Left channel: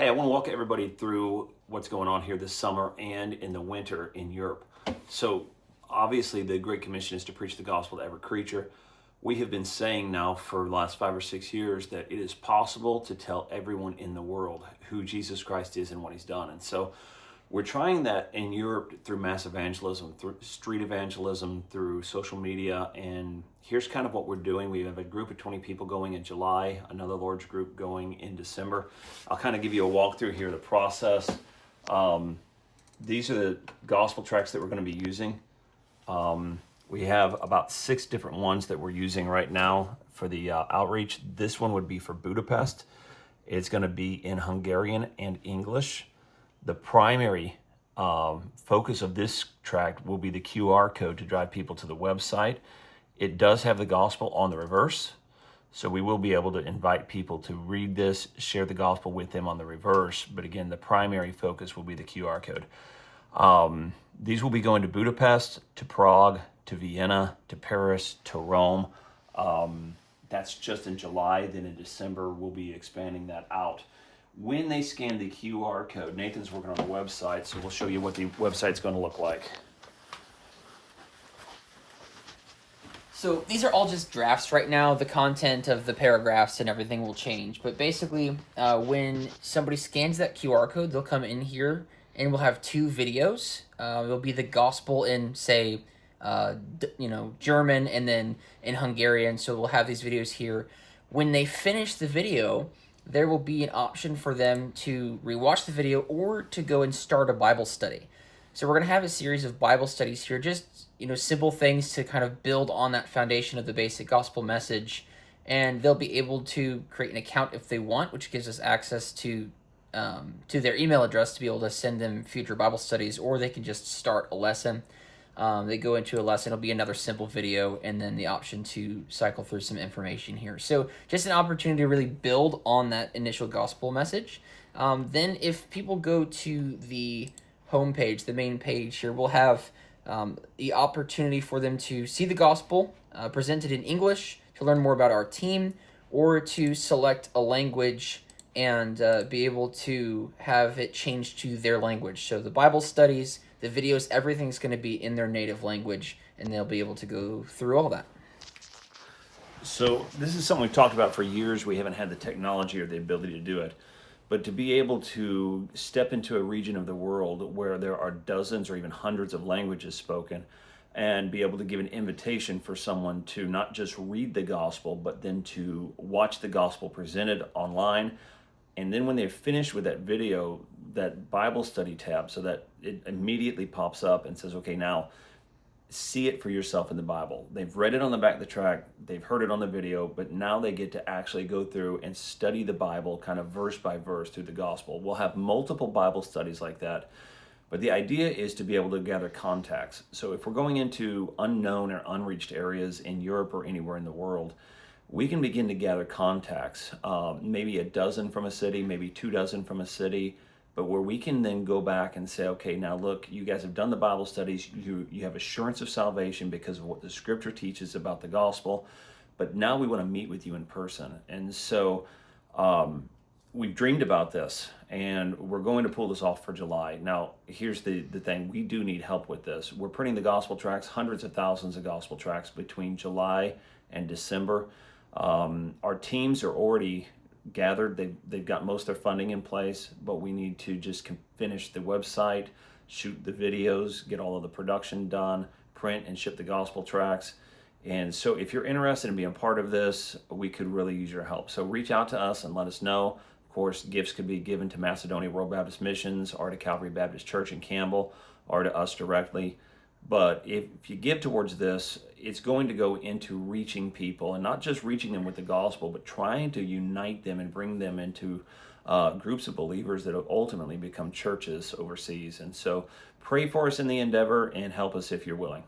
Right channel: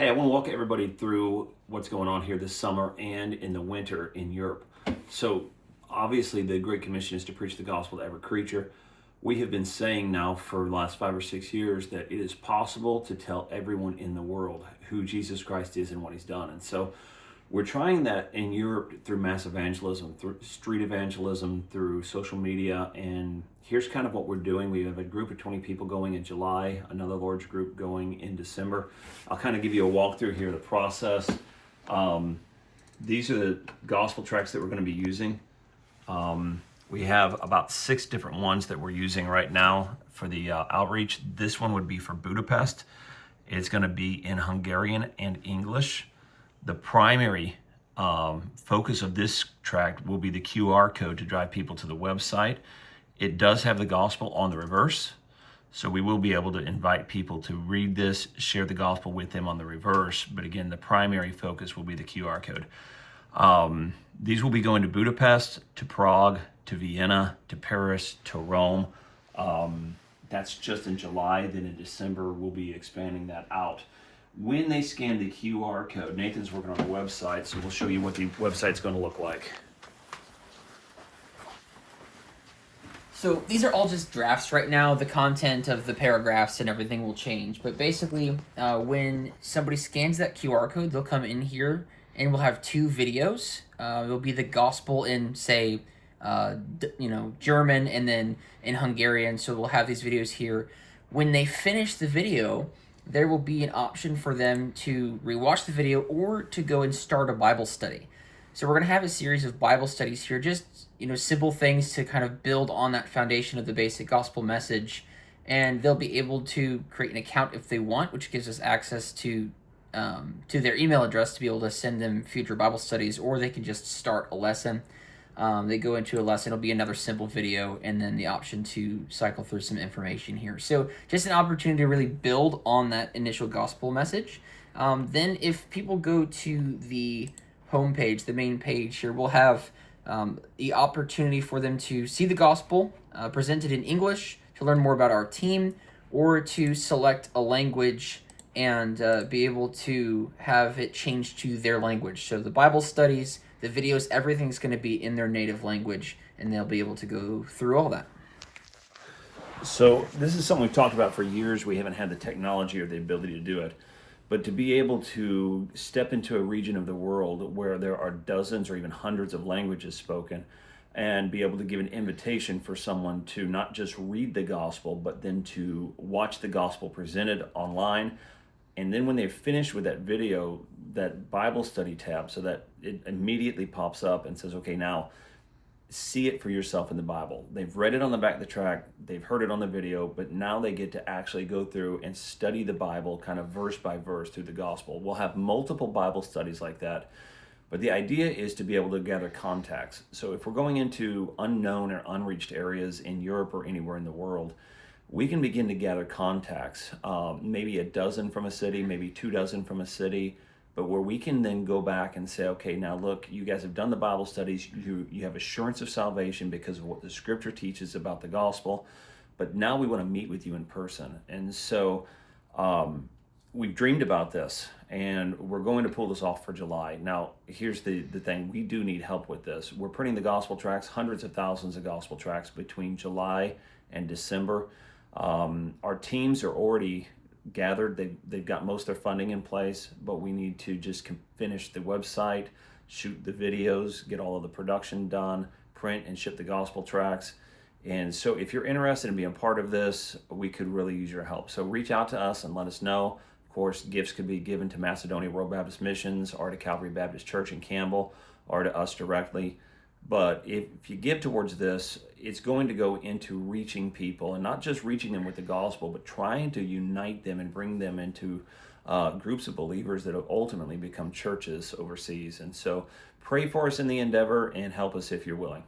Hey, I want to walk everybody through what's going on here this summer and in the winter in Europe. So, obviously, the Great Commission is to preach the gospel to every creature. We have been saying now for the last 5 or 6 years that it is possible to tell everyone in the world who Jesus Christ is and what he's done. And so, we're trying that in Europe through mass evangelism, through street evangelism, through social media. And here's kind of what we're doing. We have a group of 20 people going in July, another large group going in December. I'll kind of give you a walkthrough here of the process. These are the gospel tracks that we're going to be using. We have about 6 different ones that we're using right now for the outreach. This one would be for Budapest. It's going to be in Hungarian and English. The primary focus of this tract will be the QR code to drive people to the website. It does have the gospel on the reverse, so we will be able to invite people to read this, share the gospel with them on the reverse. But again, the primary focus will be the QR code. These will be going to Budapest, to Prague, to Vienna, to Paris, to Rome. That's just in July. Then in December, we'll be expanding that out. When they scan the QR code, Nathan's working on the website, so we'll show you what the website's going to look like. So these are all just drafts right now. The content of the paragraphs and everything will change. But basically, when somebody scans that QR code, they'll come in here and we'll have 2 videos. There'll be the gospel in, say, German and then in Hungarian. So we'll have these videos here. When they finish the video, there will be an option for them to rewatch the video or to go and start a Bible study. So we're going to have a series of Bible studies here, just simple things to kind of build on that foundation of the basic gospel message. And they'll be able to create an account if they want, which gives us access to their email address to be able to send them future Bible studies, or they can just start a lesson. They go into a lesson, it'll be another simple video, and then the option to cycle through some information here. So just an opportunity to really build on that initial gospel message. Then if people go to the homepage, the main page here, we'll have the opportunity for them to see the gospel presented in English, to learn more about our team, or to select a language and be able to have it changed to their language. So the Bible studies, the videos, everything's going to be in their native language, and they'll be able to go through all that. So this is something we've talked about for years. We haven't had the technology or the ability to do it. But to be able to step into a region of the world where there are dozens or even hundreds of languages spoken, and be able to give an invitation for someone to not just read the gospel, but then to watch the gospel presented online. And then when they're finished with that video, that Bible study tab, so that it immediately pops up and says, okay, now see it for yourself in the Bible. They've read it on the back of the track, they've heard it on the video, but now they get to actually go through and study the Bible kind of verse by verse through the gospel. We'll have multiple Bible studies like that, but the idea is to be able to gather contacts. So if we're going into unknown or unreached areas in Europe or anywhere in the world, we can begin to gather contacts, maybe a dozen from a city, maybe 24 from a city, but where we can then go back and say, okay, now look, you guys have done the Bible studies, you have assurance of salvation because of what the scripture teaches about the gospel, but now we want to meet with you in person. And so we've dreamed about this, and we're going to pull this off for July. Now, here's the thing, we do need help with this. We're printing the gospel tracts, hundreds of thousands of gospel tracts between July and December. Our teams are already gathered. They've got most of their funding in place, but we need to just finish the website, shoot the videos, get all of the production done, print and ship the gospel tracts. And so if you're interested in being part of this, we could really use your help. So reach out to us and let us know. Of course, gifts could be given to Macedonia World Baptist Missions or to Calvary Baptist Church in Campbell or to us directly. But if you give towards this, it's going to go into reaching people, and not just reaching them with the gospel, but trying to unite them and bring them into groups of believers that will ultimately become churches overseas. And so pray for us in the endeavor and help us if you're willing.